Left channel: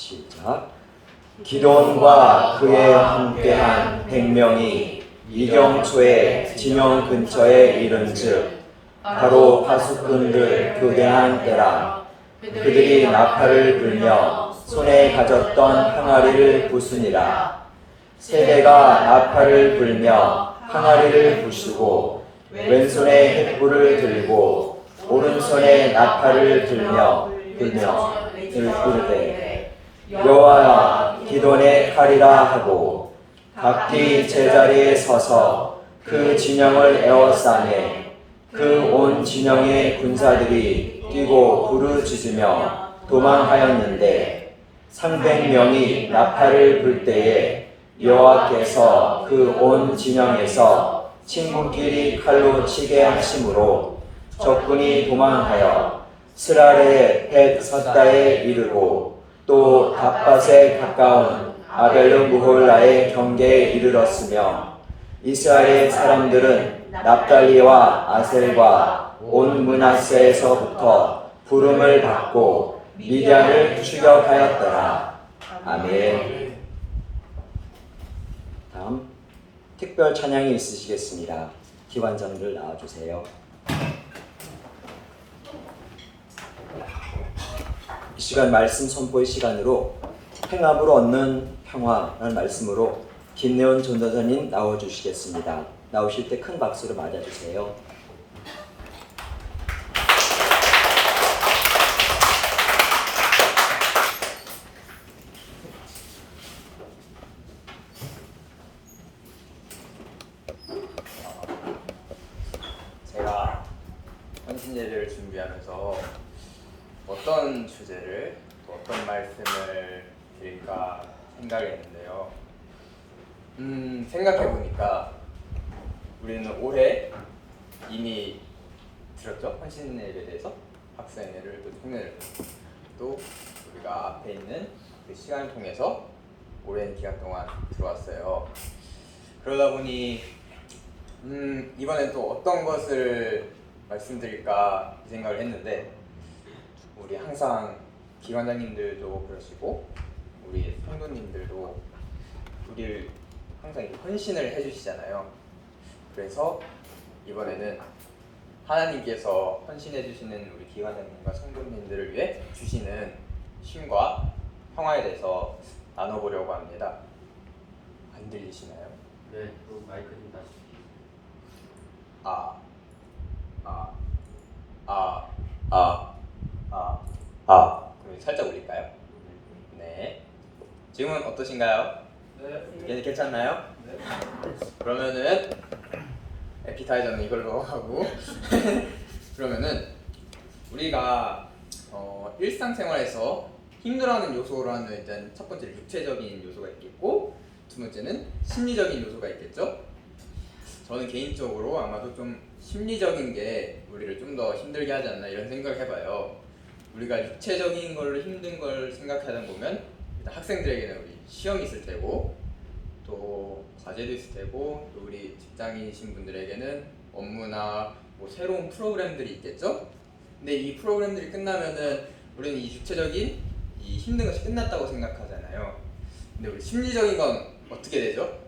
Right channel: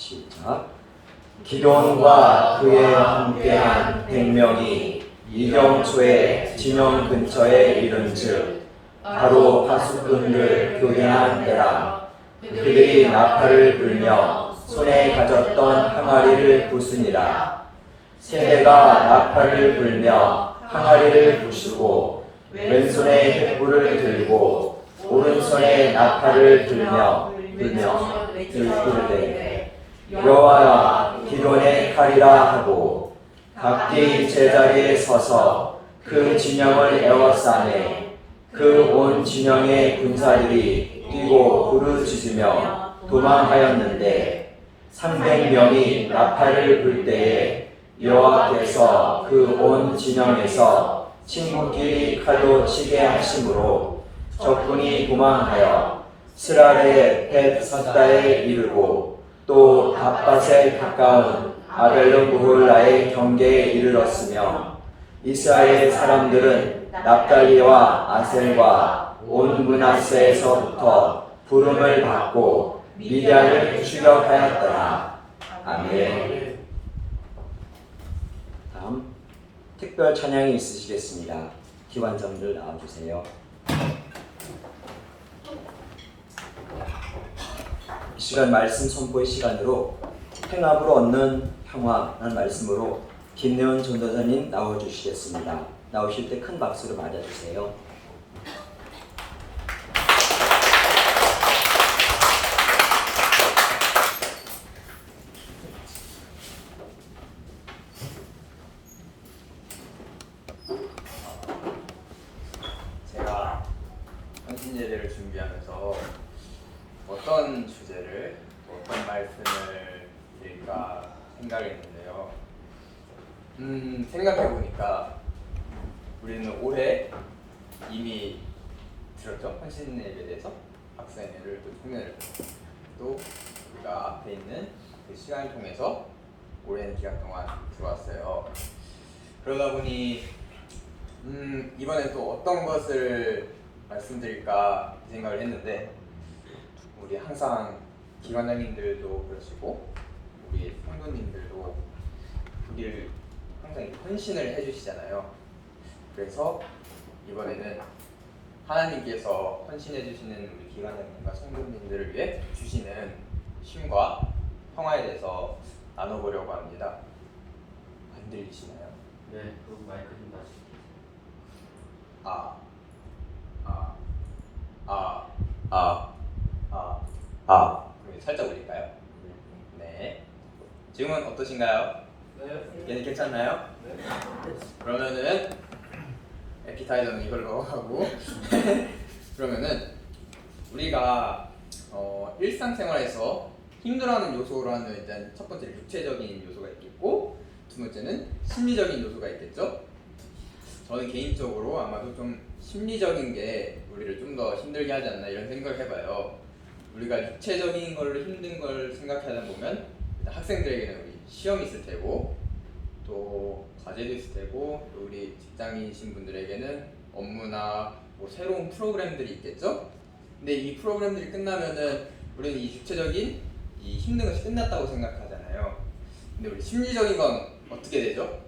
시작. 기돈과 그에 함께한 100명이 이경초의 진영 근처에 이른즉 바로 파수꾼들 교대한 때라. 그들이 나팔을 불며 손에 가졌던 항아리를 부수니라. 세대가 나팔을 불며 항아리를 부수고 왼손에 횃불을 들고 오른손에 나팔을 들며 들되 여호와여 기돈의 칼이라 하고 각기 제자리에 서서 그 진영을 에워싸매 그 온 진영의 군사들이 뛰고 부르짖으며 도망하였는데 300명이 나팔을 불 때에 여호와께서 그 온 진영에서 친구끼리 칼로 치게 하심으로 적군이 도망하여 스랄의 벳사다에 이르고 또 닷밭에 가까운 아벨르무홀라의 경계에 이르렀으며 이스라엘 사람들은 납달리와 아셀과 온 므낫세에서부터 부름을 받고 미디안을 추격하였더라. 아멘. 다음 특별 찬양이 있으시겠습니다. 기관장들 나와주세요. 이 시간 말씀 선포의 시간으로 행함으로 얻는 평화라는 말씀으로 김내원 전도사님 나와주시겠습니다. 나오실 때 큰 박수로 맞아주세요. 제가 헌신 예배를 준비하면서 어떤 주제를 어떤 말씀을 드릴까 생각했는데요. 생각해보니까 우리는 올해 이미 들었죠? 헌신 예배에 대해서 학생 예배를 또 흉내냈고 또 우리가 앞에 있는 그 시간을 통해서 오랜 기간 동안 들어왔어요. 그러다 보니 이번에 또 어떤 것을 말씀드릴까 생각을 했는데 우리 항상 기관장님들도 그러시고 우리 성도님들도 우리를 항상 헌신을 해주시잖아요. 그래서 이번에는 하나님께서 헌신해 주시는 우리 기관장님과 성도님들을 위해 주시는 힘과 평화에 대해서 나눠보려고 합니다. 안 들리시나요? 네, 그 마이크 좀 다시. 살짝 올릴까요? 네. 지금은 어떠신가요? 네. 괜찮나요? 네. 그러면은 에피타이저는 이걸로 하고 그러면은 우리가 일상생활에서 힘들어하는 요소로 하는 일단 첫 번째는 육체적인 요소가 있겠고 두 번째는 심리적인 요소가 있겠죠. 저는 개인적으로 아마도 좀 심리적인 게 우리를 좀 더 힘들게 하지 않나 이런 생각을 해봐요. 우리가 육체적인 걸로 힘든 걸 생각하다 보면 일단 학생들에게는 우리 시험이 있을 테고 또 과제도 있을 테고 또 우리 직장인이신 분들에게는 업무나 뭐 새로운 프로그램들이 있겠죠. 근데 이 프로그램들이 끝나면은 우리는 이 육체적인 이 힘든 것이 끝났다고 생각하잖아요. 근데 우리 심리적인 건 어떻게 되죠?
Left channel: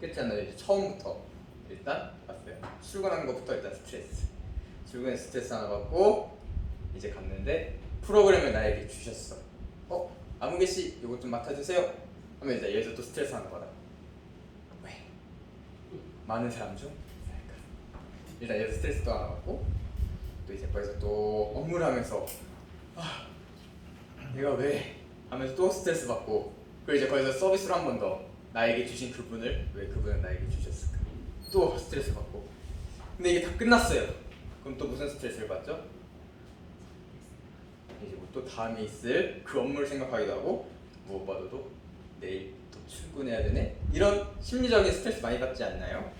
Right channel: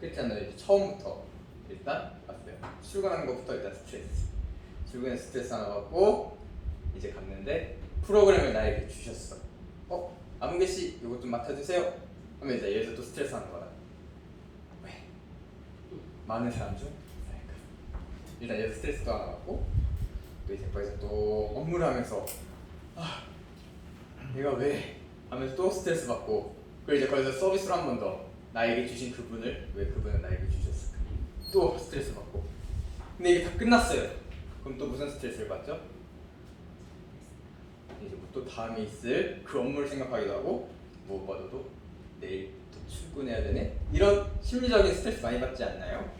끝이 안 나요. 처음부터 일단 봤어요. 출근하는 것부터 일단 스트레스. 출근에 스트레스 하나 받고 이제 갔는데 프로그램을 나에게 주셨어. 아무개 씨 이거 좀 맡아주세요. 하면 이제 여기서 또 스트레스 하는 거다. 왜? 많은 사람 중? 일단 여기서 스트레스 또 하나 받고 또 이제 거기서 또 업무를 하면서 내가 왜? 하면서 또 스트레스 받고 그리고 이제 거기서 서비스로 한 번 더 나에게 주신 그분을 왜 그분을 나에게 주셨을까? 또 스트레스 받고 근데 이게 다 끝났어요. 그럼 또 무슨 스트레스를 받죠? 이제 또 다음에 있을 그 업무를 생각하기도 하고 무엇보다도 내일 또 출근해야 되네? 이런 심리적인 스트레스 많이 받지 않나요?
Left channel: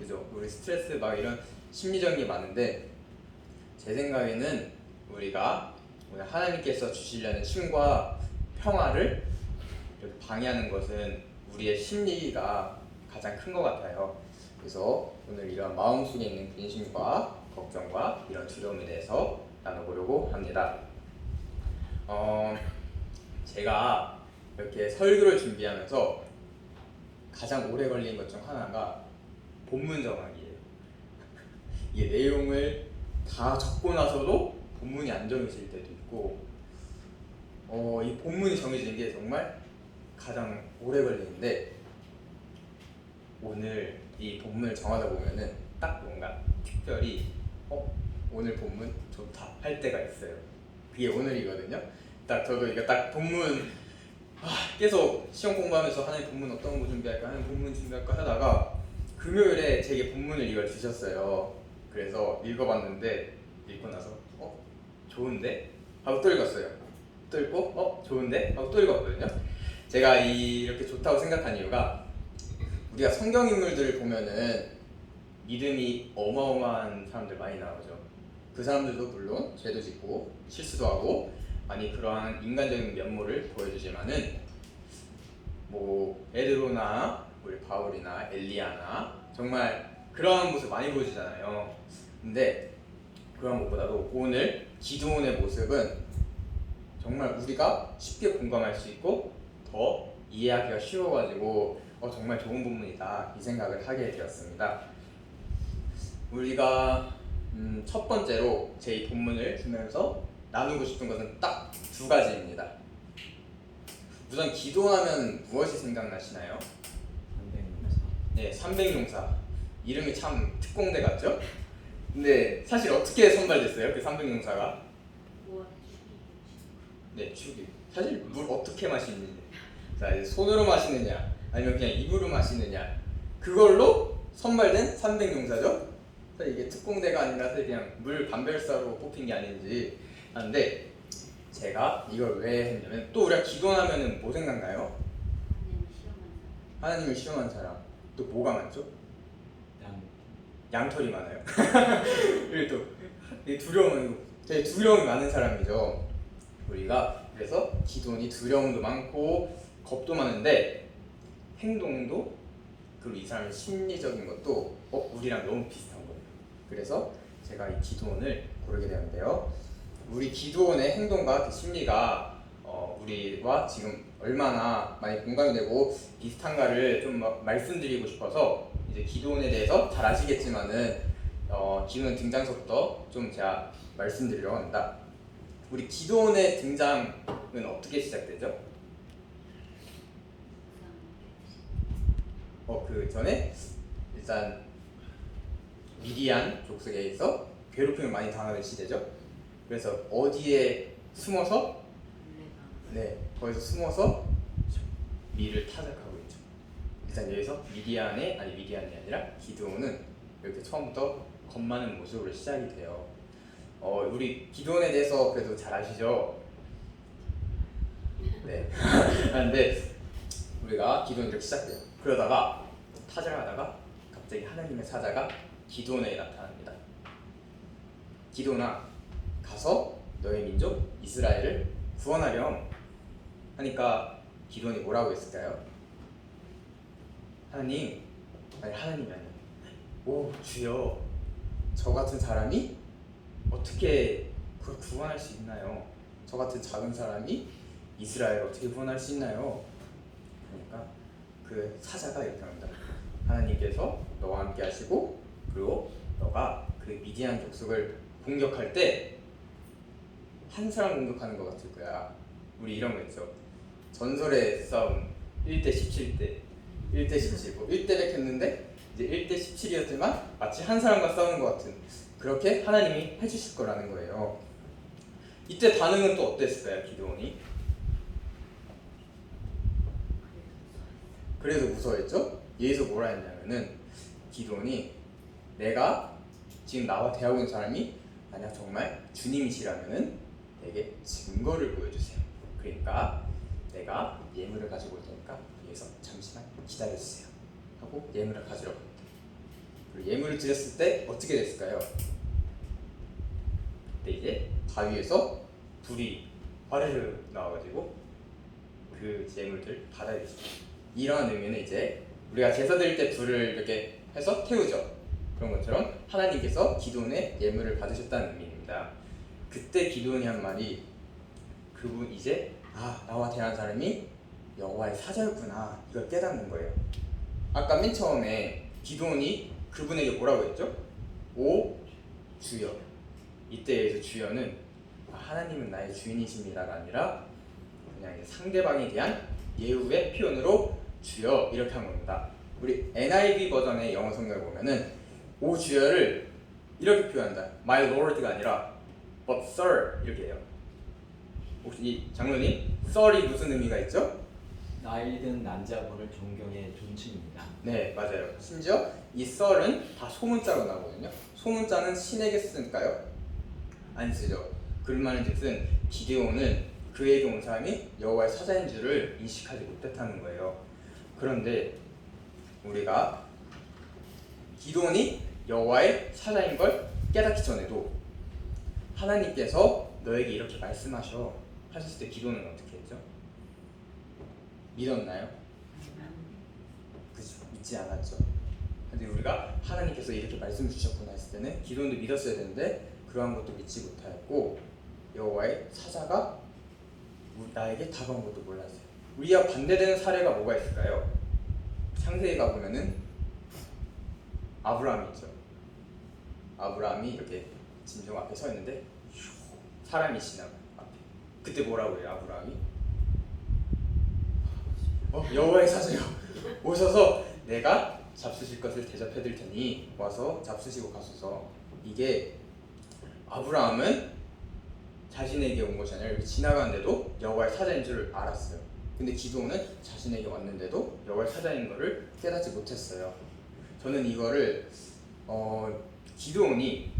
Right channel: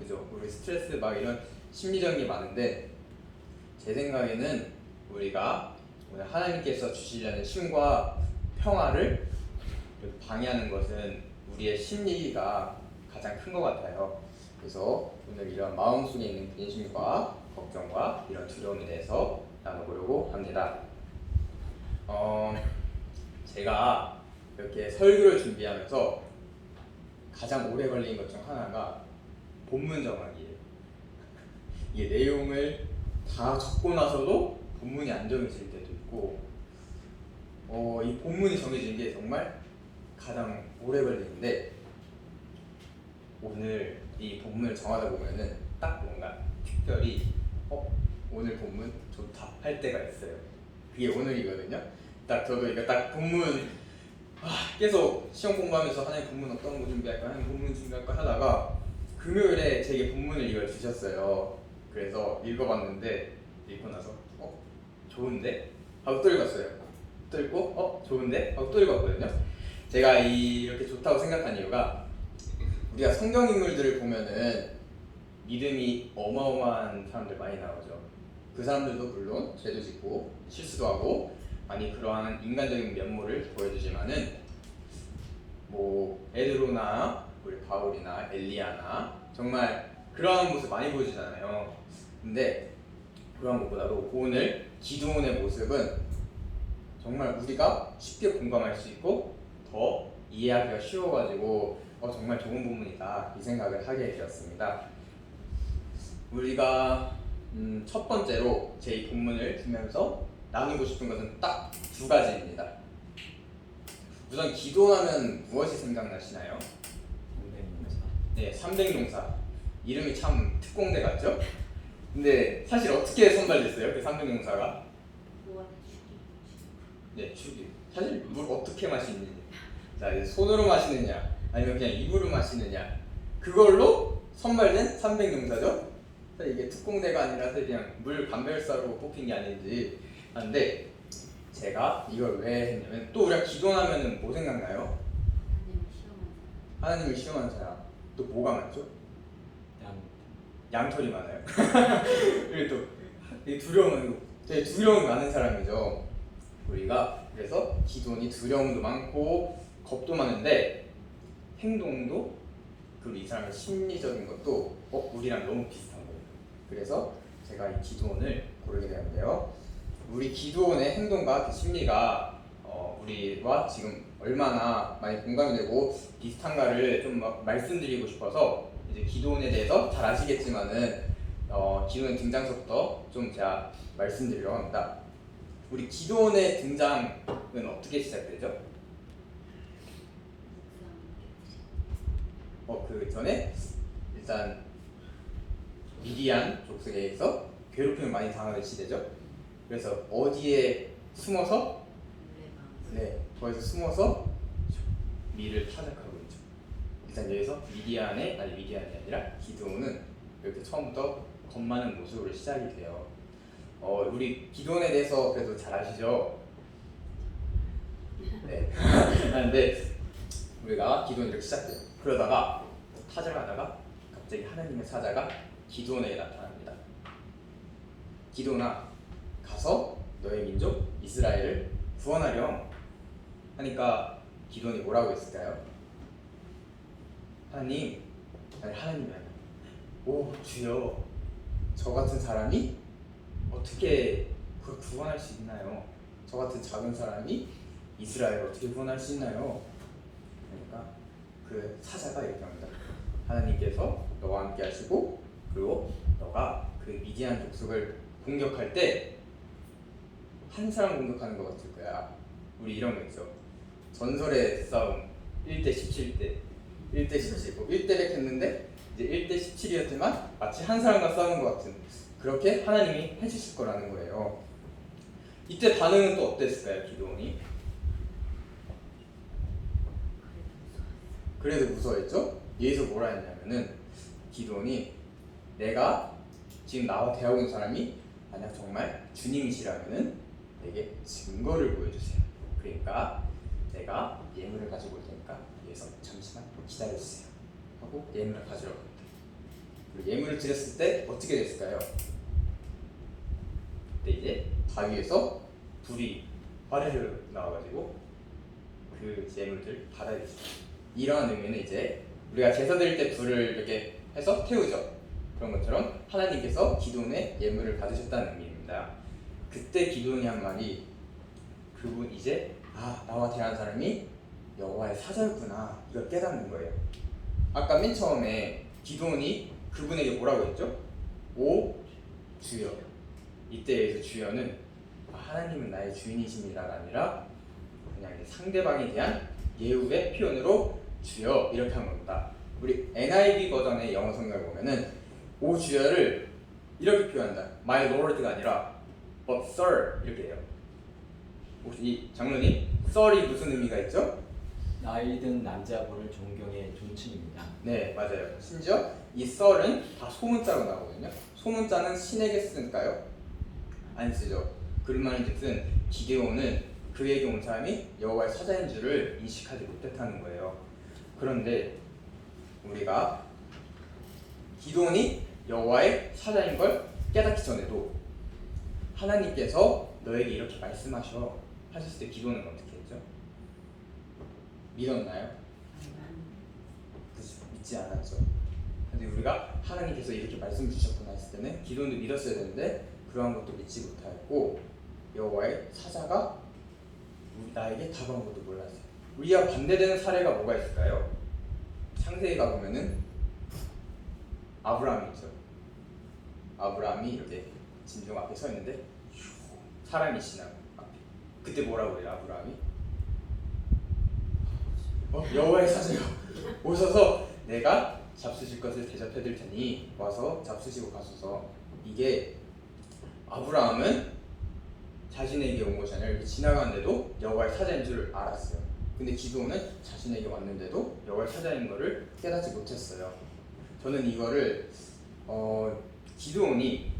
그죠? 우리 스트레스 막 이런 심리적인 게 많은데 제 생각에는 우리가 오늘 하나님께서 주시려는 힘과 평화를 방해하는 것은 우리의 심리가 가장 큰 것 같아요. 그래서 오늘 이런 마음속에 있는 근심과 걱정과 이런 두려움에 대해서 나눠보려고 합니다. 제가 이렇게 설교를 준비하면서 가장 오래 걸린 것 중 하나가 본문 정하기예요. 이게 내용을 다 적고 나서도 본문이 안 정해질 때도 있고, 이 본문이 정해지는 게 정말 가장 오래 걸리는데, 오늘 이 본문을 정하다 보면은 딱 뭔가 특별히 오늘 본문 좋다 할 때가 있어요. 그게 오늘이거든요. 딱 저도 이거 딱 본문 계속 시험 공부하면서 하나님 본문 어떤 거 준비할까, 하나님 본문 준비할까 하다가 금요일에 제게 본문을 이걸 주셨어요. 그래서 읽어봤는데 읽고 나서 좋은데? 하고 또 읽었어요. 또 읽고 좋은데? 하고 또 읽었거든요. 제가 이렇게 좋다고 생각한 이유가, 우리가 성경 인물들을 보면은 믿음이 어마어마한 사람들 많이 나오죠. 그 사람들도 물론 죄도 짓고 실수도 하고 많이 그러한 인간적인 면모를 보여주지만은 뭐 베드로나 우리 바울이나 엘리야나 정말 그러한 모습 많이 보여주잖아요. 근데 그런 것보다도 오늘 기드온의 모습은 정말 우리가 쉽게 공감할 수 있고 더 이해하기가 쉬워가지고 정말 좋은 부분이다 이 생각을 하게 되었습니다. 우리가 첫 번째로 제 이 본문을 주면서 나누고 싶은 것은 딱 두 가지입니다. 우선 기도하면 무엇이 생각나시나요? 네, 300용사. 이름이 참 특공대 같죠? 근데 사실 어떻게 선발됐어요? 그 300용사가? 네, 죽이. 사실 물 어떻게 마시는지. 자, 이제 손으로 마시느냐, 아니면 그냥 입으로 마시느냐. 그걸로 선발된 300용사죠? 이게 특공대가 아니라 그냥 물 반별사로 뽑힌 게 아닌지 하는데, 제가 이걸 왜 했냐면, 또 우리가 기도하면은 뭐 생각나요? 하나님을 실험하는 사람. 또 뭐가 많죠? 양털이 많아요. 그리고 또 두려움은 되게 두려움이 많은 사람이죠. 우리가 그래서 기도원이 두려움도 많고 겁도 많은데 행동도, 그리고 이 사람의 심리적인 것도 우리랑 너무 비슷한 거예요. 그래서 제가 이 기도원을 고르게 되었는데요. 우리 기도원의 행동과 그 심리가 우리와 지금 얼마나 많이 공감이 되고 비슷한가를 좀 말씀드리고 싶어서, 이제 기도원에 대해서 잘 아시겠지만은 기도원 등장서부터 좀 제가 말씀드리려고 합니다. 우리 기도원의 등장은 어떻게 시작되죠? 그 전에 일단 미디안 족속에 의해서 괴롭힘을 많이 당하는 시대죠. 그래서 어디에 숨어서 거기서 숨어서 미를 타작하고 있죠. 일단 여기서 미디안이 아니라 기드온은 이렇게 처음부터 겁 많은 모습으로 시작이 돼요. 우리 기드온에 대해서 그래도 잘 아시죠? 네. 그런데 우리가 기드온이 이렇게 시작돼요. 그러다가 타작하다가 갑자기 하나님의 사자가 기드온에게 나타납니다. 기드온아, 가서 너의 민족 이스라엘을 구원하렴 하니까 기드온이 뭐라고 했을까요? 하나님이 아니에요. 오 주여, 저 같은 사람이 어떻게 그걸 구원할 수 있나요? 저 같은 작은 사람이 이스라엘을 어떻게 구원할 수 있나요? 그러니까 그 사자가 이렇게 합니다. 하나님께서 너와 함께 하시고, 그리고 너가 그 미디안 족속을 공격할 때 한 사람 공격하는 것 같을 거야. 우리 이런 거 있어. 전설의 싸움 1대 17대 1대 17, 1대 100 했는데 이제 1대 17이었지만 마치 한 사람과 싸우는 것 같은, 그렇게 하나님이 해주실 거라는 거예요. 이때 반응은 또 어땠을까요, 기드온이? 그래도 무서워했죠? 여기서 뭐라 했냐면은, 기드온이 내가 지금 나와 대하고 있는 사람이 만약 정말 주님이시라면은 내게 증거를 보여주세요. 그러니까 내가 예물을 가지고 올 테니까 여기서 잠시만 기다려주세요 하고 예물을 가지러 갈게요. 그리고 예물을 드렸을 때 어떻게 됐을까요? 이제 바위에서 불이 화르르 나와가지고 그 예물들 받아들였어요. 이러한 의미는 이제 우리가 제사 드릴 때 불을 이렇게 해서 태우죠. 그런 것처럼 하나님께서 기드온의 예물을 받으셨다는 의미입니다. 그때 기드온이 한 말이, 그분 이제 아, 나와 대한 사람이 여호와의 사자였구나, 이걸 깨닫는 거예요. 아까 맨 처음에 기도원이 그분에게 뭐라고 했죠? 오 주여. 이때에서 주여는 하나님은 나의 주인이십니다가 아니라 그냥 상대방에 대한 예우의 표현으로 주여 이렇게 한 겁니다. 우리 NIV 버전의 영어 성경을 보면은 오 주여를 이렇게 표현한다. My Lord가 아니라 But Sir 이렇게 해요. 혹시 장로님, Sir이 무슨 의미가 있죠? 나이 든 남자분을 존경의 존칭입니다. 네, 맞아요. 심지어 이 Sir은 다 소문자로 나오거든요. 소문자는 신에게 쓰니까요? 안 쓰죠. 그말은즉슨 기데온은 그에게 온 사람이 여호와의 사자인 줄을 인식하지 못했다는 거예요. 그런데 우리가 기데온이 여호와의 사자인 걸 깨닫기 전에도 하나님께서 너에게 이렇게 말씀하셔 하셨을 때 기도는 어떻게 했죠? 믿었나요? 그렇죠. 믿지 않았죠. 근데 우리가 하나님께서 이렇게 말씀 주셨구나 했을 때는 기도도 믿었어야 되는데 그러한 것도 믿지 못하였고 여호와의 사자가 나에게 다가온 것도 몰랐어요. 우리와 반대되는 사례가 뭐가 있을까요? 창세기 가보면은 아브라함이 있죠. 아브라함이 이렇게 진정 앞에 서 있는데 사람이 지나고 그때 뭐라고 해요? 아브라함이 여호와의 사자가 오셔서 내가 잡수실 것을 대접해 드릴 테니 와서 잡수시고 가소서. 이게 아브라함은 자신에게 온 것이 아니라 이렇게 지나가는데도 여호와의 사자인 줄 알았어요. 근데 기도는 자신에게 왔는데도 여호와의 사자인 것을 깨닫지 못했어요. 저는 이거를 기도원이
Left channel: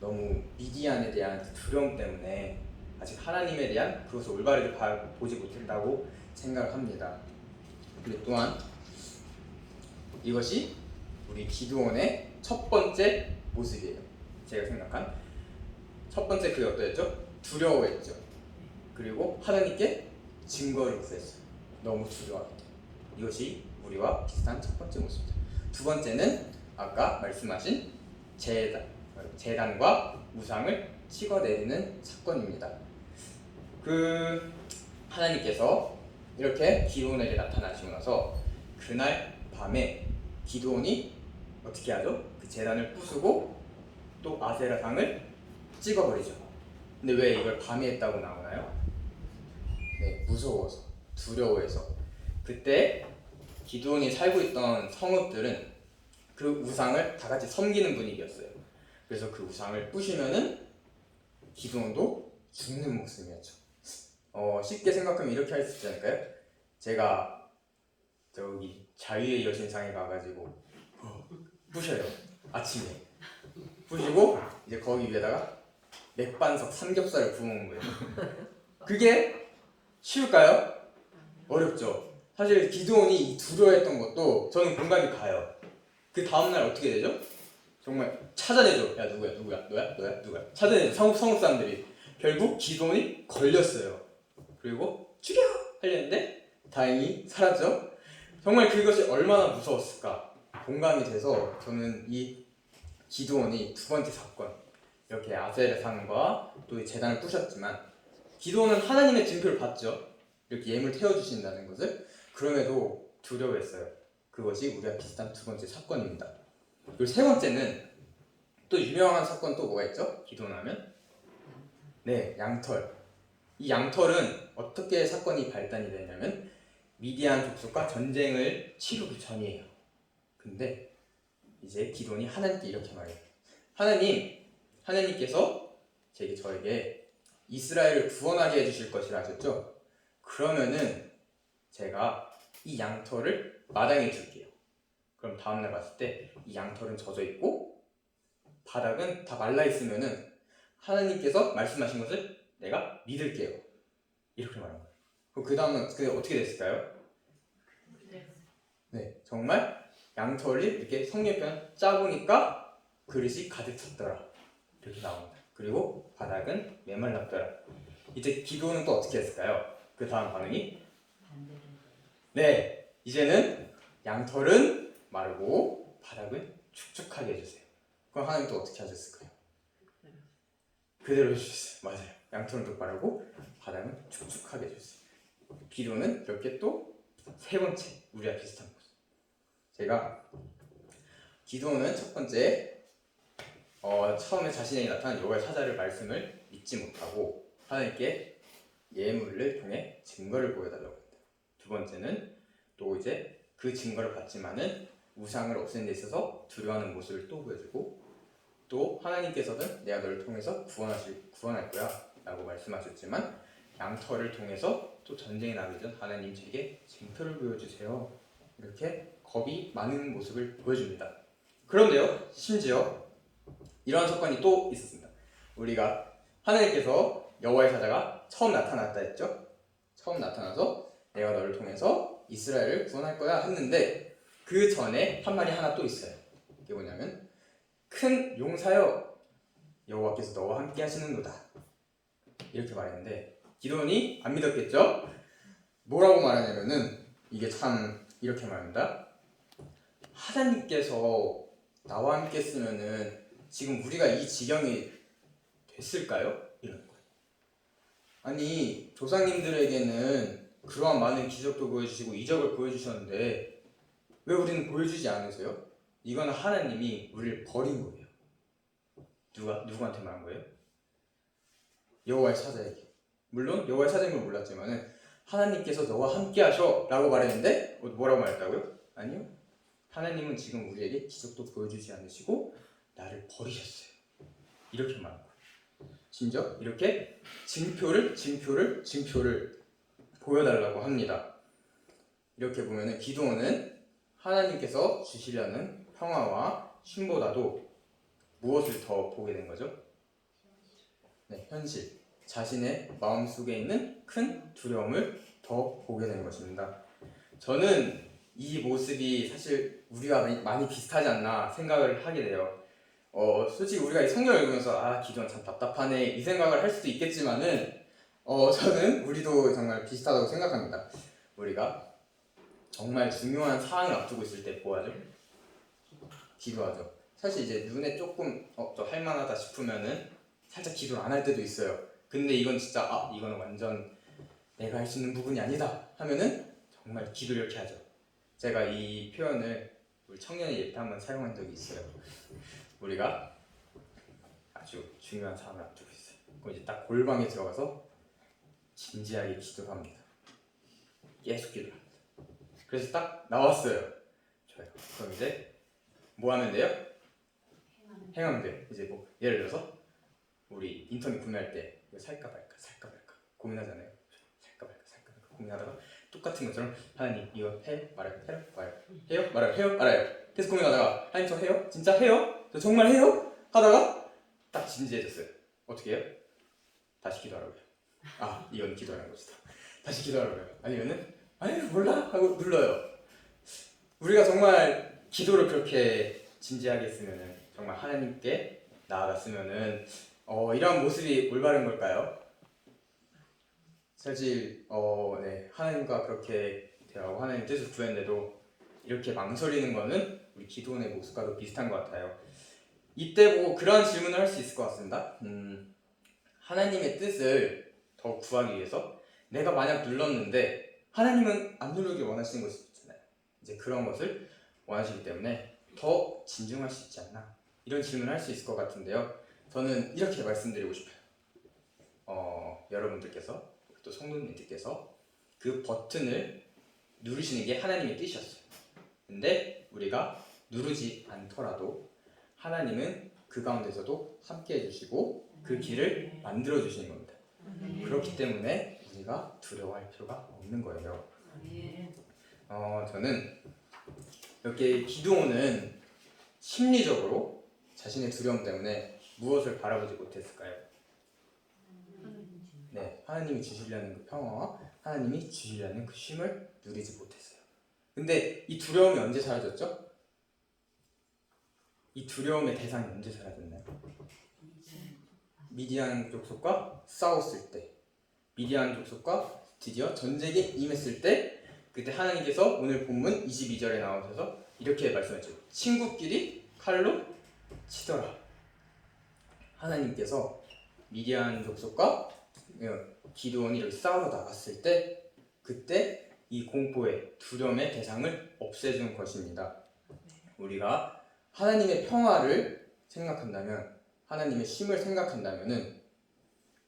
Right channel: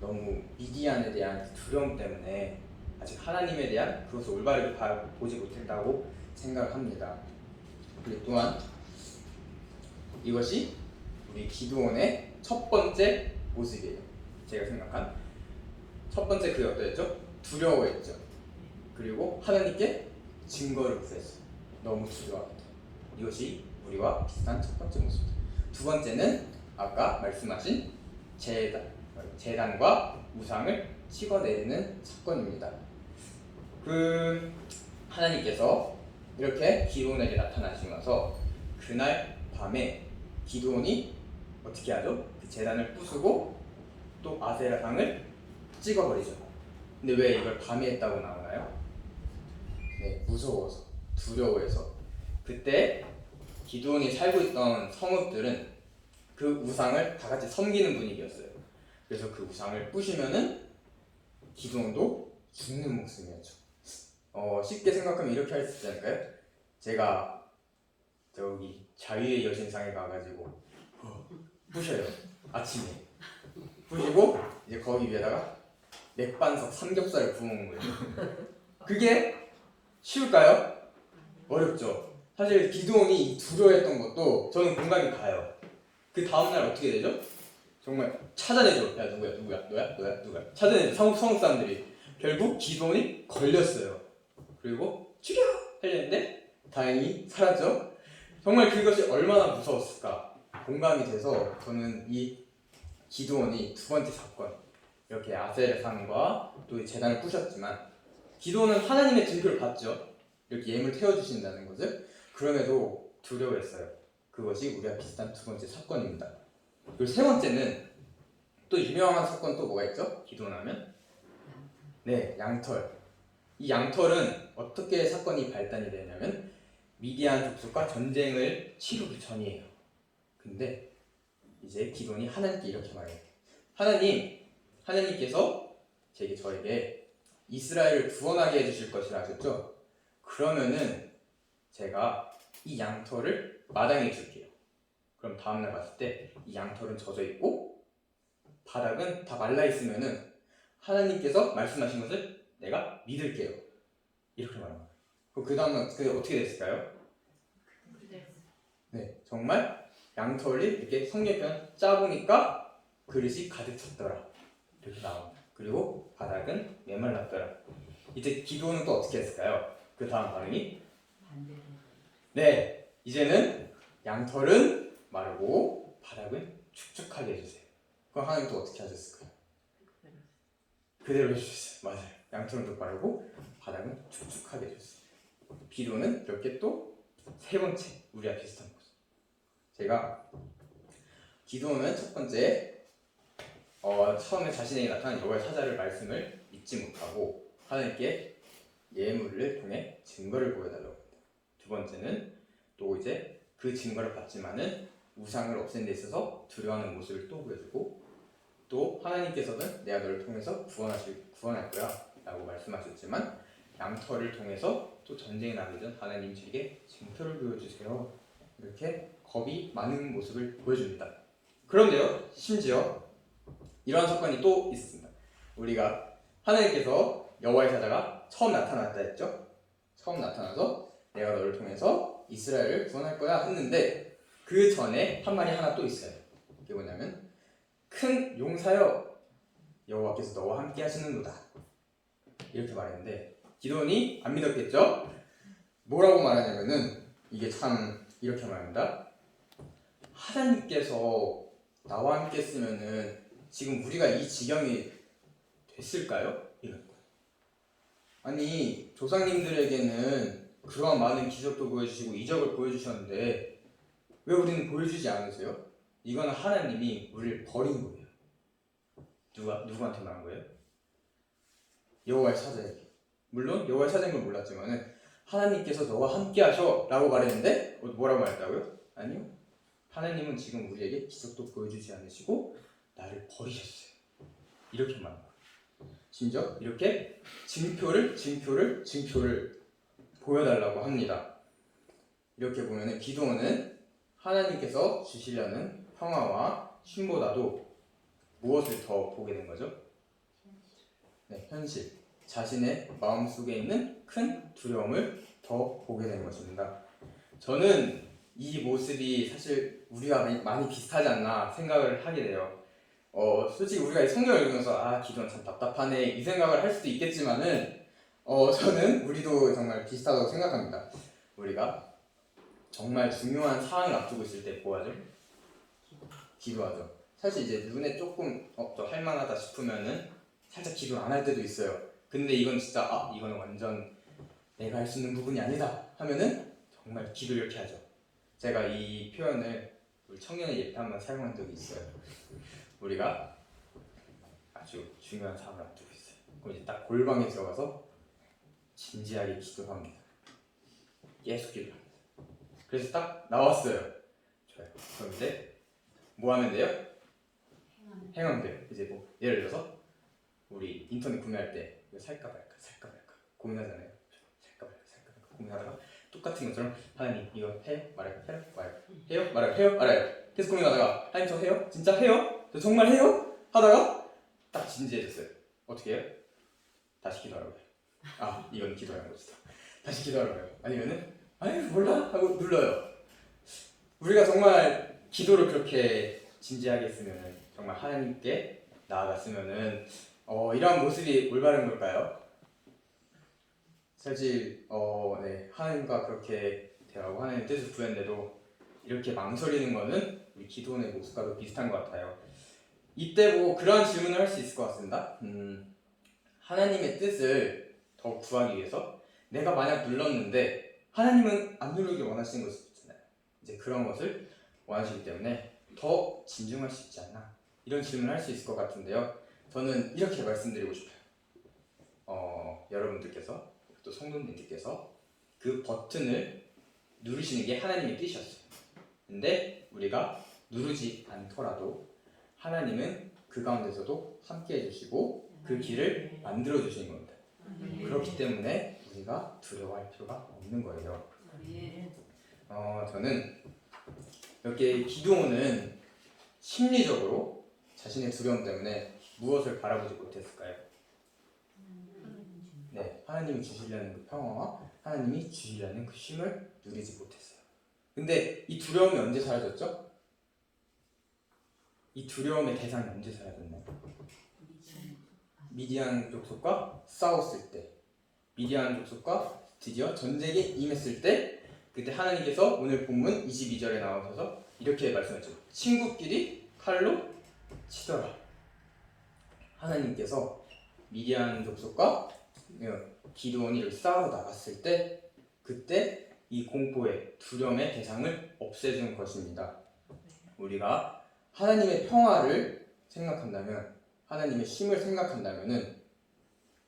너무 미디안에 대한 두려움 때문에 아직 하나님에 대한 그것을 올바르게 보지 못했다고 생각합니다. 그리고 또한 이것이 우리 기도원의 첫 번째 모습이에요. 제가 생각한 첫 번째 그게 어떠했죠? 두려워했죠. 그리고 하나님께 증거를 구했어요. 너무 두려워합니다. 이것이 우리와 비슷한 첫 번째 모습이죠. 두 번째는 아까 말씀하신 제단과 우상을 찍어내리는 사건입니다. 하나님께서 이렇게 기도원에게 나타나시고 나서 그날 밤에 기도원이 어떻게 하죠? 그 제단을 부수고 또 아세라상을 찍어버리죠. 근데 왜 이걸 밤에 했다고 나오나요? 네, 무서워서, 두려워해서. 그때 기도원이 살고 있던 성읍들은 그 우상을 다 같이 섬기는 분위기였어요. 그래서 그 우상을 부시면은 기도원도 죽는 목숨이었죠. 쉽게 생각하면 이렇게 할 수 있지 않을까요? 제가 저기 자유의 여신상에 가가지고 부셔요. 아침에 부시고 이제 거기 위에다가 맥반석 삼겹살을 구워먹는 거예요. 그게 쉬울까요? 어렵죠. 사실 기도원이 두려워했던 것도 저는 공감이 가요. 그 다음날 어떻게 되죠? 정말 찾아내죠. 야 누구야? 너야? 찾아내죠. 성읍 사람들이. 결국 기도원이 걸렸어요. 그리고 죽여! 하려는데 다행히 살았죠. 정말 그것이 얼마나 무서웠을까 공감이 돼서 저는 이 기도원이 두 번째 사건, 이렇게 아세라상과 또 제단을 부셨지만 기도원은 하나님의 증표를 받죠. 이렇게 예물 태워주신다는 것을. 그럼에도 두려워했어요. 그것이 우리가 비슷한 두 번째 사건입니다. 그리고 세 번째는 또 유명한 사건 또 뭐가 있죠? 기도원하면 네, 양털. 이 양털은 어떻게 사건이 발단이 되냐면 미디안 족속과 전쟁을 치르기 전이에요. 근데 이제 기도원이 하나님께 이렇게 말해요. 하나님께서 저에게 이스라엘을 구원하게 해주실 것이라 하셨죠? 그러면은 제가 이 양털을 마당에 줄게요. 그럼 다음날 봤을 때 이 양털은 젖어 있고 바닥은 다 말라 있으면은 하나님께서 말씀하신 것을 내가 믿을게요. 이렇게 말합니다. 그럼 그 다음은 그게 어떻게 됐을까요? 네, 정말 양털이 이렇게 성경편 짜보니까 그릇이 가득 찼더라. 이렇게 나옵니다. 그리고 바닥은 메말랐더라. 이제 기도는 또 어떻게 했을까요? 그 다음 반응이 네, 이제는 양털은 마르고 바닥은 축축하게 해주세요. 그럼 하나님 또 어떻게 하셨을까요? 그대로 해주셨어요. 맞아요. 양털은 또 빠르고 바닥은 축축하게 해줬어요. 기도는 그렇게 또 세 번째 우리와 비슷한 모습. 제가 기도는 첫 번째 처음에 자신에게 나타난 여호와의 사자를 말씀을 믿지 못하고 하나님께 예물을 통해 증거를 보여달라고 합니다. 두 번째는 또 이제 그 증거를 받지만은 우상을 없애는 데 있어서 두려워하는 모습을 또 보여주고 또 하나님께서는 내가 너를 통해서 구원할 거야 라고 말씀하셨지만 양털을 통해서 또 전쟁에 나가기 전 하나님 제게 징표를 보여주세요. 이렇게 겁이 많은 모습을 보여줍니다. 그런데요, 심지어 이러한 사건이 또 있습니다. 우리가 하나님께서 여호와의 사자가 처음 나타났다 했죠. 처음 나타나서 내가 너를 통해서 이스라엘을 구원할 거야 했는데 그 전에 한 말이 하나 또 있어요. 그게 뭐냐면 큰 용사여 여호와께서 너와 함께 하시는도다 이렇게 말했는데 기도원이 안 믿었겠죠? 뭐라고 말하냐면은 이게 참 이렇게 말합니다. 하나님께서 나와 함께 했으면은 지금 우리가 이 지경이 됐을까요? 이런 거예요. 아니 조상님들에게는 그러한 많은 기적도 보여주시고 이적을 보여주셨는데 왜 우리는 보여주지 않으세요? 이건 하나님이 우리를 버린 거예요. 누구한테 말한 거예요? 여호와의 사자에게. 물론 여호와의 사자인 걸 몰랐지만은 하나님께서 너와 함께 하셔 라고 말했는데 뭐라고 말했다고요? 아니요. 하나님은 지금 우리에게 기적도 보여주지 않으시고 나를 버리셨어요. 이렇게 말한 거예요. 심지어 이렇게 징표를 보여달라고 합니다. 이렇게 보면은 기도원은 하나님께서 주시려는 평화와 쉼보다도 무엇을 더 보게 된 거죠? 네, 현실. 자신의 마음속에 있는 큰 두려움을 더 보게 된 것입니다. 저는 이 모습이 사실 우리가 많이 비슷하지 않나 생각을 하게 돼요. 솔직히 우리가 이 성경을 읽으면서 기도는 참 답답하네 이 생각을 할 수도 있겠지만은 저는 우리도 정말 비슷하다고 생각합니다. 우리가 정말 중요한 사항을 앞두고 있을 때 뭐하죠? 기도하죠. 사실 이제 눈에 조금 더 할만하다 싶으면은 살짝 기도를 안 할 때도 있어요. 근데 이건 진짜 이거는 완전 내가 할 수 있는 부분이 아니다 하면은 정말 기도를 이렇게 하죠. 제가 이 표현을 우리 청년의 예배 때 한번 사용한 적이 있어요. 우리가 아주 중요한 사항을 앞두고 있어요. 그럼 이제 딱 골방에 들어가서 진지하게 기도를 합니다. 계속 기도를 합니다. 그래서 딱 나왔어요. 좋아요. 그럼 이제 뭐 하면 돼요? 행함돼. 이제 뭐 예를 들어서 우리 인터넷 구매할 때 이거 살까 말까 고민하잖아요. 살까 말까 고민하다가 똑같은 것처럼 하나님 이거 해요? 말아요? 해요? 말아요? 계속 고민하다가 하나님 저 해요? 진짜 해요? 저 정말 해요? 하다가 딱 진지해졌어요. 어떻게 해요? 다시 기도하라고요. 이건 기도하는 것이다. 다시 기도하라고요. 아니면은 아니 몰라 하고 눌러요. 우리가 정말 기도를 그렇게 진지하게 했으면은 정말 하나님께 나아갔으면은 이러한 모습이 올바른 걸까요? 사실 네, 하나님과 그렇게 대화하고 하나님 뜻을 구했는데도 이렇게 망설이는 거는 우리 기도원의 모습과도 비슷한 것 같아요. 이때 뭐 그러한 질문을 할 수 있을 것 같습니다. 하나님의 뜻을 더 구하기 위해서 내가 만약 눌렀는데 하나님은 안 누르길 원하시는 것이 있잖아요. 이제 그런 것을 원하시기 때문에 더 진중할 수 있지 않나 이런 질문을 할 수 있을 것 같은데요. 저는 이렇게 말씀드리고 싶어요. 여러분들께서 또 성도님들께서 그 버튼을 누르시는 게 하나님의 뜻이었어요. 근데 우리가 누르지 않더라도 하나님은 그 가운데서도 함께 해주시고 그 길을 만들어 주시는 겁니다. 그렇기 때문에 우리가 두려워할 필요가 없는 거예요. 저는 이렇게 기도는 심리적으로 자신의 두려움 때문에 무엇을 바라보지 못했을까요? 네, 하나님이 주시려는 그 평화와 하나님이 주시려는 그 쉼을 누리지 못했어요. 근데 이 두려움이 언제 사라졌죠? 이 두려움의 대상이 언제 사라졌나요? 미디안 족속과 싸웠을 때, 미디안 족속과 드디어 전쟁에 임했을 때, 그때 하나님께서 오늘 본문 22절에 나오셔서 이렇게 말씀하셨죠. 친구끼리 칼로 치더라. 하나님께서 미디안 족속과 기드온이 여기 싸우러 나갔을 때 그때 이 공포의 두려움의 대상을 없애주는 것입니다. 우리가 하나님의 평화를 생각한다면, 하나님의 쉼을 생각한다면은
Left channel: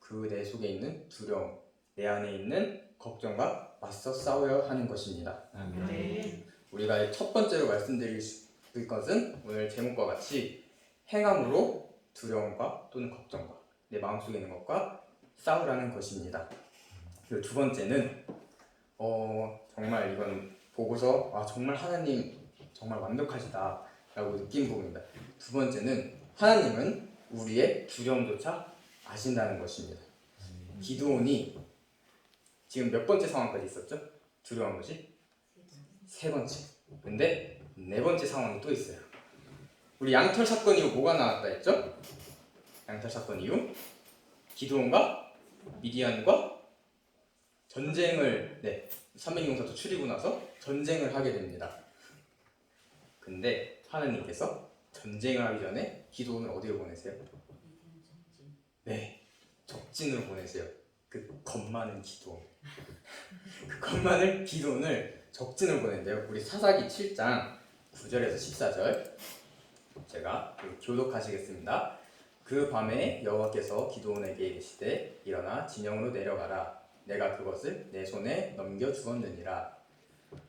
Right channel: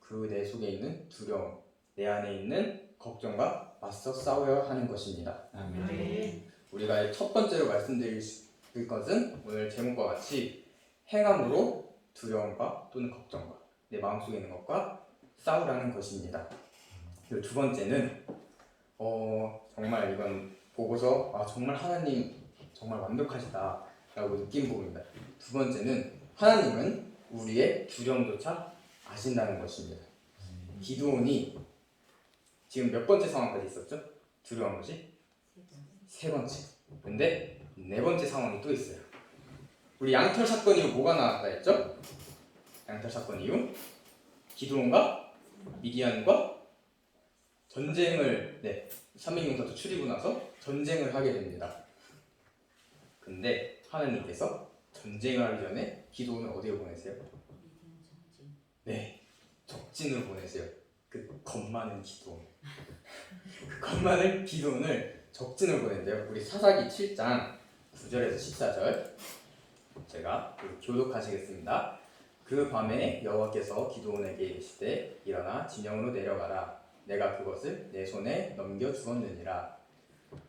그 내 속에 있는 두려움, 내 안에 있는 걱정과 맞서 싸워야 하는 것입니다. 우리가 첫 번째로 말씀드릴 것은 오늘 제목과 같이 행함으로 두려움과 또는 걱정과 내 마음속에 있는 것과 싸우라는 것입니다. 그리고 두 번째는 정말 이건 보고서 정말 하나님 정말 완벽하시다 라고 느낀 부분입니다. 두 번째는 하나님은 우리의 두려움조차 아신다는 것입니다. 기드온이 지금 몇 번째 상황까지 있었죠? 두려운 것이? 세 번째. 근데 네 번째 상황이 또 있어요. 우리 양털 사건 이후 뭐가 나왔다 했죠? 양털 사건 이후 기드온과 미디안과 전쟁을 300용사도 추리고 나서 전쟁을 하게 됩니다. 근데 하나님께서 전쟁을 하기 전에 기드온을 어디로 보내세요? 네, 적진으로 보내세요. 그 겁 많은 기드온. 그 겁 많은 기드온을 적진으로 보낸대요. 우리 사사기 7장 9절에서 14절 제가 교독하시겠습니다. 그 밤에 여호와께서 기드온에게 이르시되 일어나 진영으로 내려가라. 내가 그것을 내 손에 넘겨 주었느니라.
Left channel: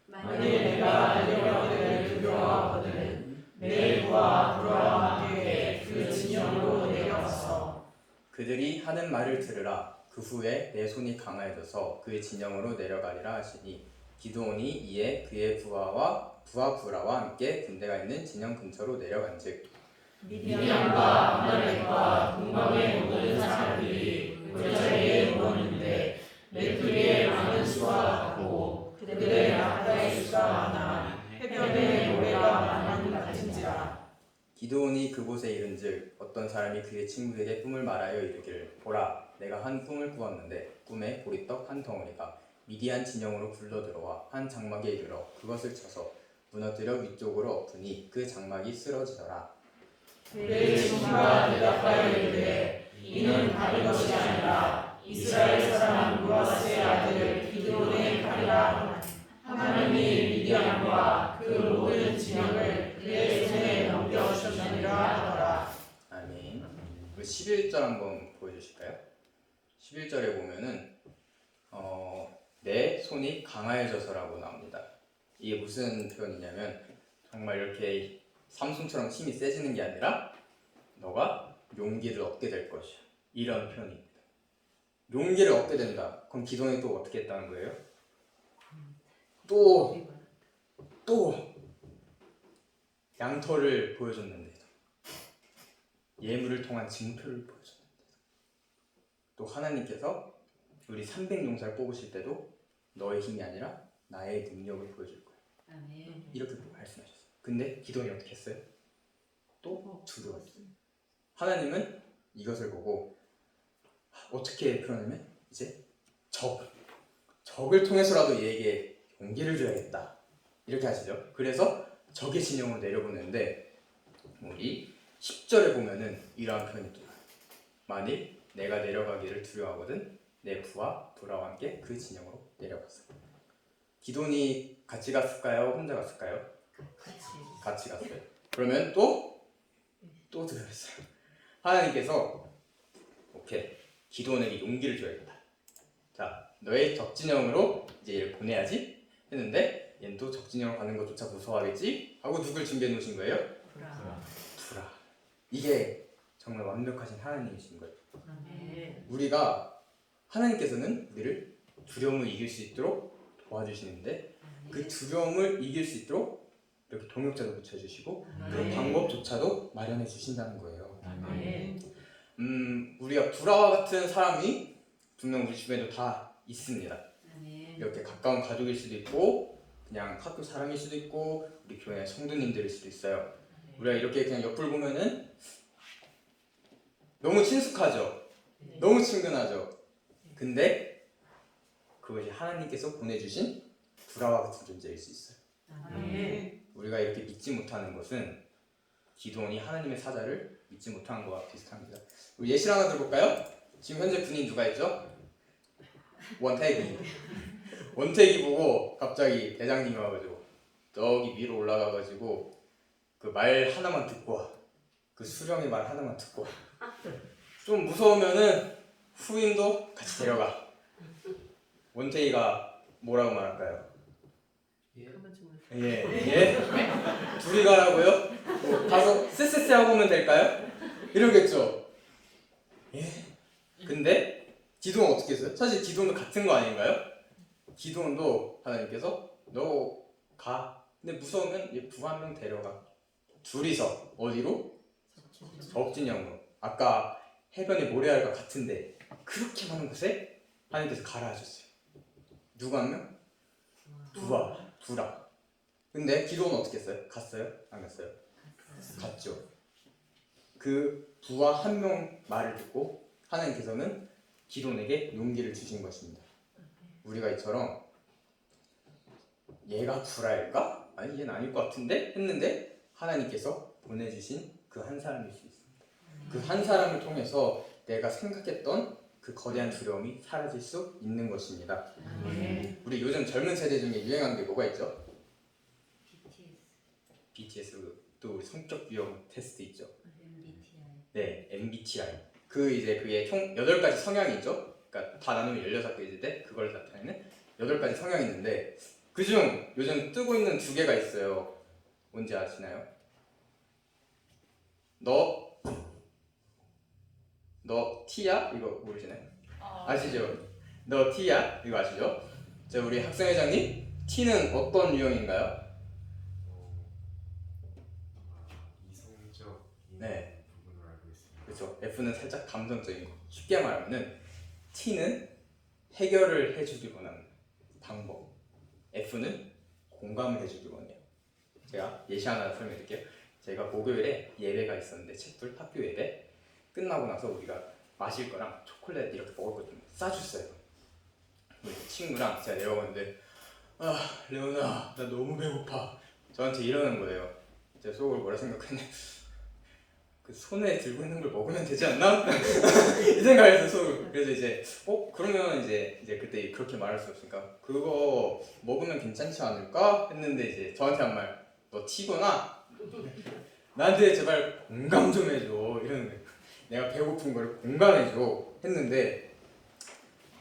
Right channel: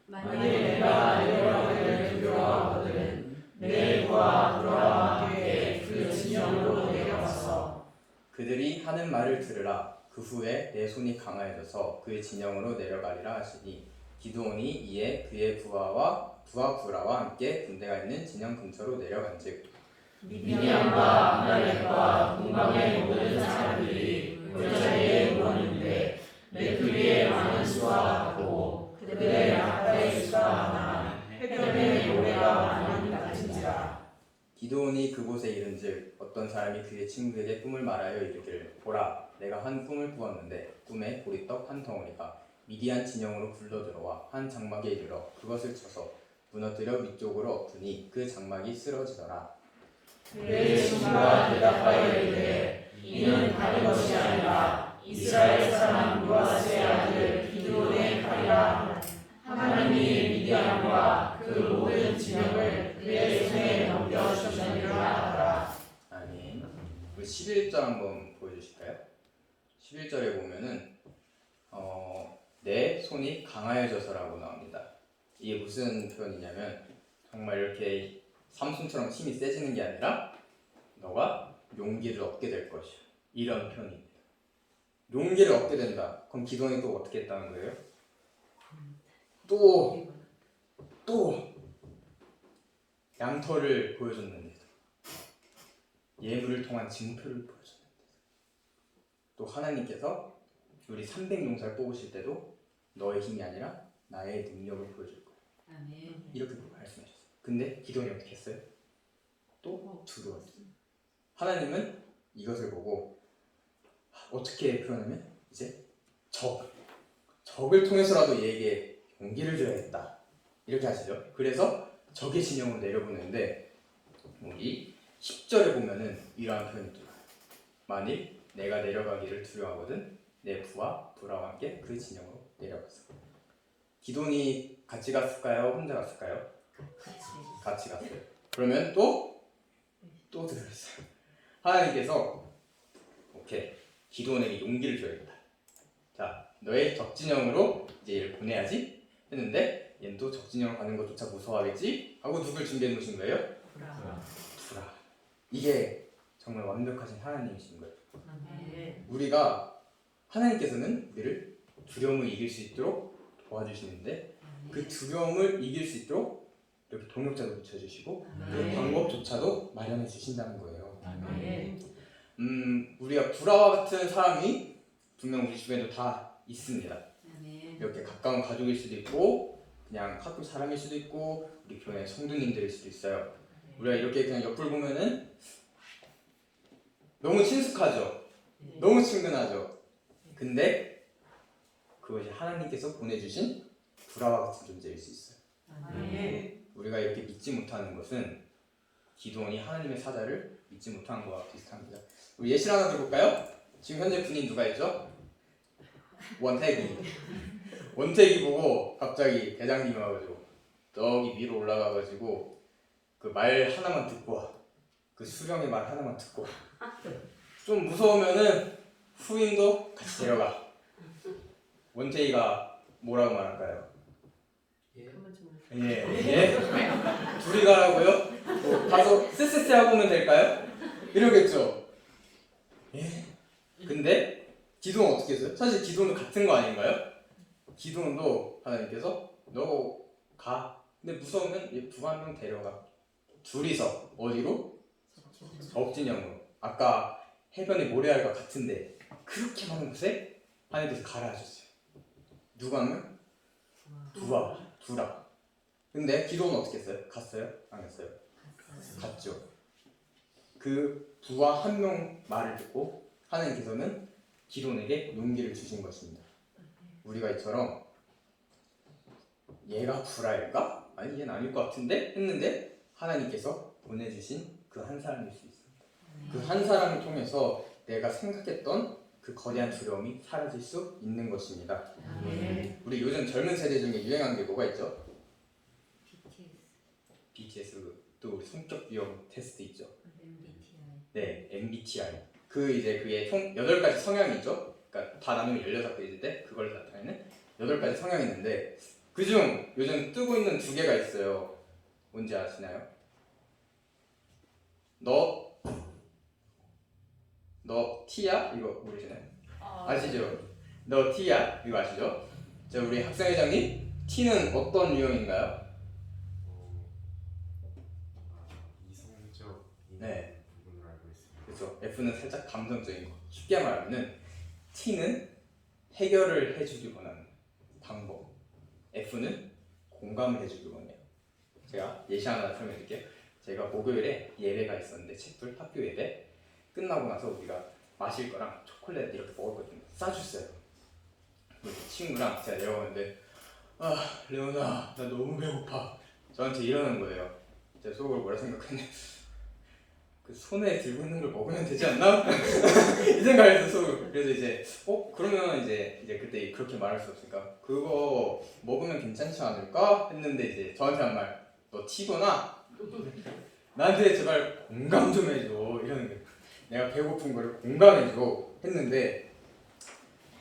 만일 내가 내려가기를 두려워하거든 내일과 그와 함께 그 진영으로 내려가서 그들이 하는 말을 들으라. 그 후에 내 손이 강하여져서 그 진영으로 내려가리라 하시니 기드온이 이에 그의 부하와 부라와 함께 군대가 있는 진영 근처로 내려간즉 미디안과 아말렉과 동방의 모든 사람들이 골짜기에 누웠는데 메뚜기의 많은 수와 같고 그들의 약과의 수가 하나 해변의 모래가 많은 같은지라. 기드온이 그곳에 이른즉 어떤 사람이 그의 친구에게 꿈을 말하여 이르기를 보라 내가 한 꿈을 꾸었는데 꿈에 보리떡 한 덩어리가 미디안 진영으로 굴러들어와 한 장막에 이르러 그것을 쳐서 무너뜨려 위쪽으로 엎으니 그 장막이 쓰러지더라. 그의 친구가 대답하여 이르되 이는 다른 것이 아니라 이스라엘 사람 요아스의 아들 기드온의 칼이라. 하나님이 미디안과 그 모든 진영을 그의 손에 넘겨주시리라 하더라. 아멘. 11절 한번 보여주실까요? 11절에 보면은 내 손이 강하여져서라고 나옵니다. 이게 무슨 표현이냐면 정말 이렇게 삼손처럼 힘이 세지는 게 아니라 너가 용기를 얻게 될 것이야. 이런 표현입니다. 용기를 얻게 된다. 그럼 기도원이 또 어떻게 했다는 거예요? 또 양털을 보여줬는데 예물을 통한 증표를 보여줬는데 또 하나님께서 우리 300용사를 뽑으실 때도 너의 힘이 아니라 나의 능력을 보여줄 거야. 이렇게 말씀하셨어요. 근데 기도원이 어떻게 했어요? 또 두려웠어요. 하나님은 이것을 보고 어떻게 표현하면 이제 적을 통해서라도 얘에게 용기를 줘야겠다 이렇게 하시죠. 그래서 적의 진영으로 내려보내는데 우리 10절에 보면은 이러한 표현이 들어요. 만일 내가 내려가기를 두려워하거든 내 부라와 함께 그 진영으로 내려갔어. 기돈이 같이 갔을까요? 혼자 갔을까요? 같이 갔어요. 그러면 또 들어있어요. 하나님께서 오케이 기돈에게 용기를 줘야겠다. 자 너의 적진영으로 이제 얘를 보내야지 했는데 얘는 또 적진영 가는 것조차 무서워하겠지 하고 누굴 준비해 놓으신 거예요? 부라. 이게 정말 완벽하신 하나님이신 거예요. 우리가 하나님께서는 우리를 두려움을 이길 수 있도록 도와주시는데 그 두려움을 이길 수 있도록 이렇게 동역자도 붙여주시고 그 방법조차도 마련해 주신다는 거예요. 우리가 부라와 같은 사람이 분명 우리 주변에도 다 있습니다. 이렇게 가까운 가족일 수도 있고 그냥 학교 사람일 수도 있고 우리 교회 성도님들일 수도 있어요. 우리가 이렇게 그냥 옆을 보면은 너무 친숙하죠. 너무 친근하죠. 근데 그것이 하나님께서 보내주신 부라와 같은 존재일 수 있어요. 우리가 이렇게 믿지 못하는 것은 기도원이 하나님의 사자를 믿지 못한 것과 비슷합니다. 우리 예시를 하나 들어볼까요? 지금 현재 군인 누가 있죠? 원택이 보고 갑자기 대장님이 와가지고 저기 위로 올라가가지고 그 말 하나만 듣고 와. 그 수령의 말 하나만 듣고 와. 좀 무서우면은 후임도 같이 데려가. 원택이가 뭐라고 말할까요? 예. 둘이 가라고요? 뭐 가서 쎄쎄쎄 하고 오면 될까요? 이러겠죠. 예. 근데 기도는 어떻게 했어요? 사실 기도는 같은 거 아닌가요? 기도원도 하나님께서 너 가. 근데 무서우면 얘 부 한 명 데려가. 둘이서 어디로? 억진영으로. 아까 해변의 모래알과 같은데 그렇게 많은 곳에 하나님께서 가라 하셨어요. 누구 한 명? 두라. 근데 기도는 어떻게 했어요? 갔어요? 안 갔어요? 갔죠. 그 부하 한 명 말을 듣고 하나님께서는 기도원에게 용기를 주신 것입니다. 우리가 이처럼 얘가 구라일까? 아니 얘는 아닐 것 같은데? 했는데 하나님께서 보내주신 그 한 사람일 수 있습니다. 그 한 사람을 통해서 내가 생각했던 그 거대한 두려움이 사라질 수 있는 것입니다. 우리 요즘 젊은 세대 중에 유행한 게 뭐가 있죠? BTS도 우리 성격 유형 테스트 있죠. 네, MBTI. 그 이제 그게 총 8가지 성향이 있죠. 그러니까 다 나누면 16가지인데 그걸 나타내는 8가지 성향이 있는데 그중 요즘 뜨고 있는 2개가 있어요. 뭔지 아시나요? 너 T야? 이거 모르시나요? 아시죠? 너 T야? 이거 아시죠? 자, 우리 학생회장님 T는 어떤 유형인가요? 이성적인 네. 부분으로 알고 있습니다. 그렇죠. F는 살짝 감성적인 거. 쉽게 말하면 T는 해결을 해주길 원하는 방법. F는 공감을 해주길 원해요. 제가 예시 하나 설명드릴게요. 제가 목요일에 예배가 있었는데 책불 학교 예배 끝나고 나서 우리가 마실 거랑 초콜릿 이렇게 먹었거든요. 싸줬어요. 친구랑 제가 내려오는데 레오나 나 너무 배고파. 저한테 이러는 거예요. 제 속으로 뭐라 생각했냐, 그 손에 들고 있는 걸 먹으면 되지 않나? 이 생각을 속으로. 그래서 이제 그러면 이제 그때 그렇게 말할 수 없으니까 그거 먹으면 괜찮지 않을까 했는데 이제 저한테 한 말, 너 T구나. 나한테 제발 공감 좀 해줘 이러는 거예요. 내가 배고픈 걸 공감해줘 했는데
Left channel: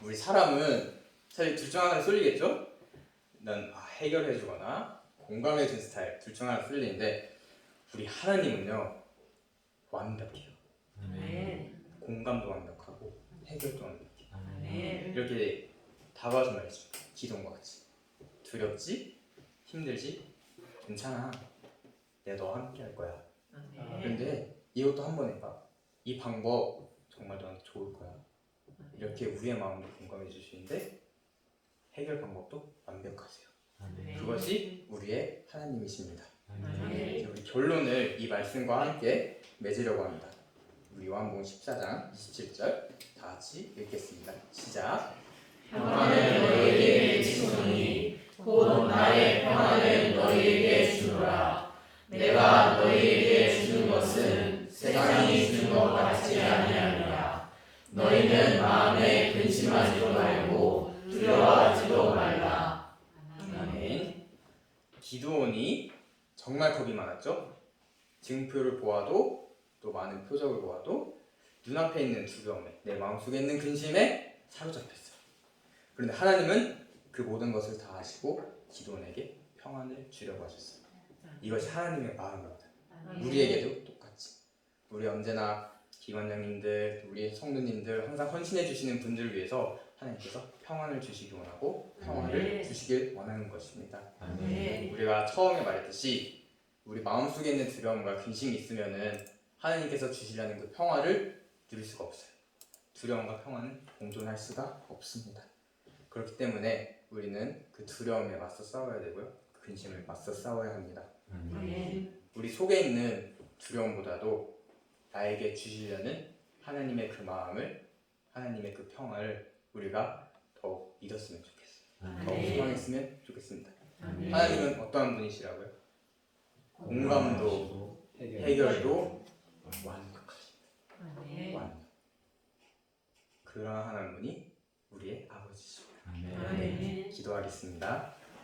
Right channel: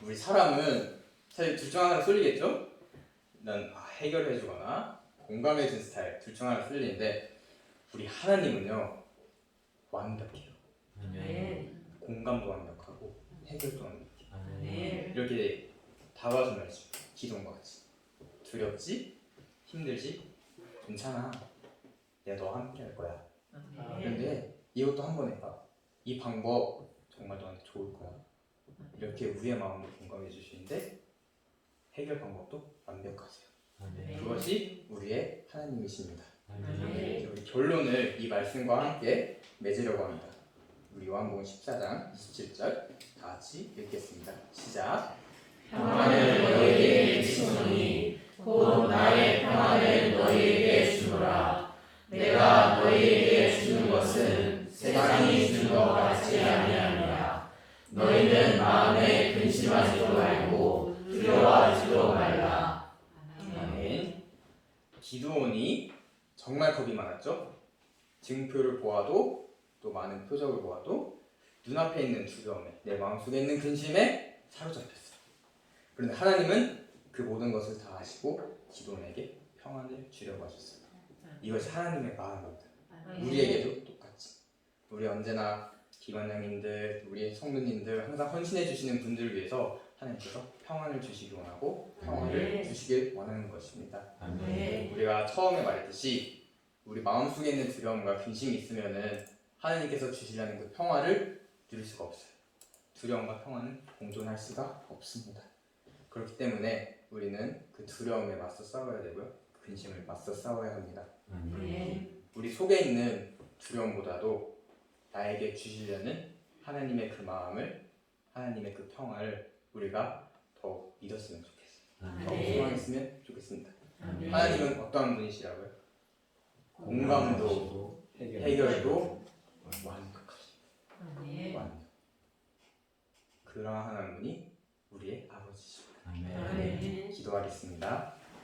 우리 사람은 사실 둘 중 하나 쏠리겠죠? 난 해결해주거나 공감해준 스타일 둘 중 하나 쏠리는데 우리 하나님은요 완벽해요. 공감도 완벽하고 해결도 완벽해요. 이렇게 다가와서 말이죠. 기도원과 같이 두렵지? 힘들지? 괜찮아. 내가 너와 함께 할 거야. 근데 이것도 한번 해봐. 이 방법 정말 너한테 좋을 거야. 이렇게 우리의 마음을 공감해 주시는데 해결 방법도 완벽하세요. 그것이 우리의 하나님이십니다. 우리 결론을 이 말씀과 함께 맺으려고 합니다. 우리 요한복음 14장 27절 다 같이 읽겠습니다. 시작. 평안을 너희에게 주노니 곧 나의 평안을 너희에게 주노라. 내가 너희에게 주는 것은 세상이 주는 것 같지 아니하니라. 너희는 마음에 근심하지도 말고 두려워하지도 말라. 아멘. 기도원이 정말 겁이 많았죠. 증표를 보아도 또 많은 표적을 보아도 눈앞에 있는 두려움에 내 마음속에 있는 근심에 사로잡혔어요. 그런데 하나님은 그 모든 것을 다 아시고 기도원에게 평안을 주려고 하셨어요. 이것이 하나님의 마음입니다. 우리에게도 똑같이 우리 언제나 기관장님들, 우리 성도님들 항상 헌신해 주시는 분들을 위해서 하나님께서 평안을 주시기 원하고 평안을 주시길 원하는 것입니다. 우리가 처음에 말했듯이 우리 마음속에 있는 두려움과 근심이 있으면은 하나님께서 주시려는 그 평화를 누릴 수가 없어요. 두려움과 평화는 공존할 수가 없습니다. 그렇기 때문에 우리는 그 두려움에 맞서 싸워야 되고요. 그 근심을 맞서 싸워야 합니다. 우리 속에 있는 두려움보다도 나에게 주시려는 하나님의 그 마음을, 하나님의 그 평화를 우리가 더욱 믿었으면 좋겠어요. 더욱 소망했으면 좋겠습니다. 하나님은 어떠한 분이시라고요? 공감도 해결도 완벽하십니다. 완벽. 그러한 하나님이 우리의 아버지시오. 아멘. 기도하겠습니다.